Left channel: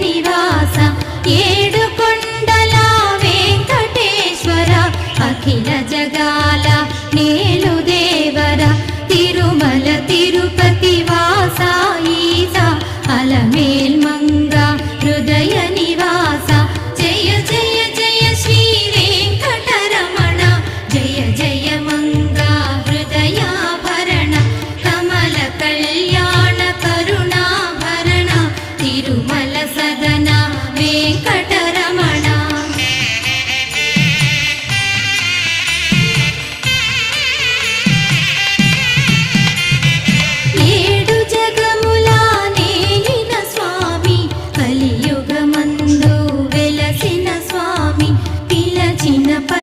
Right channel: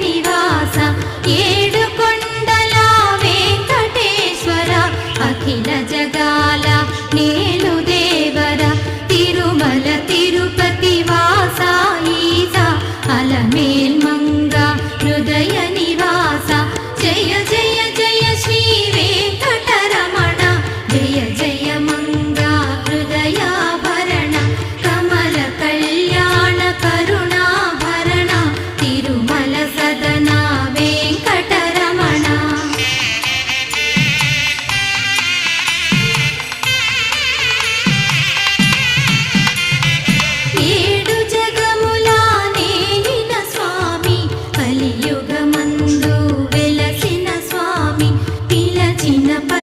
నివాస ఏడుకొండల వెంకటేశ్వర అఖిల జగాల నేలు దేవర తిరుమల తిరుపతి వాస ఈస అలమేల్ మంగ హృదయ నివాస జయ జయ జయ శ్రీ వెంకటరమణ జయ జయ మంగ హృదయాభరణ కమల కళ్యాణ కరుణాభరణ తిరుమల సదన వెంకటరమణ ఏడు జగముల నేలిన స్వామి కలియుగమందు వెలసిన స్వామి పిలచిన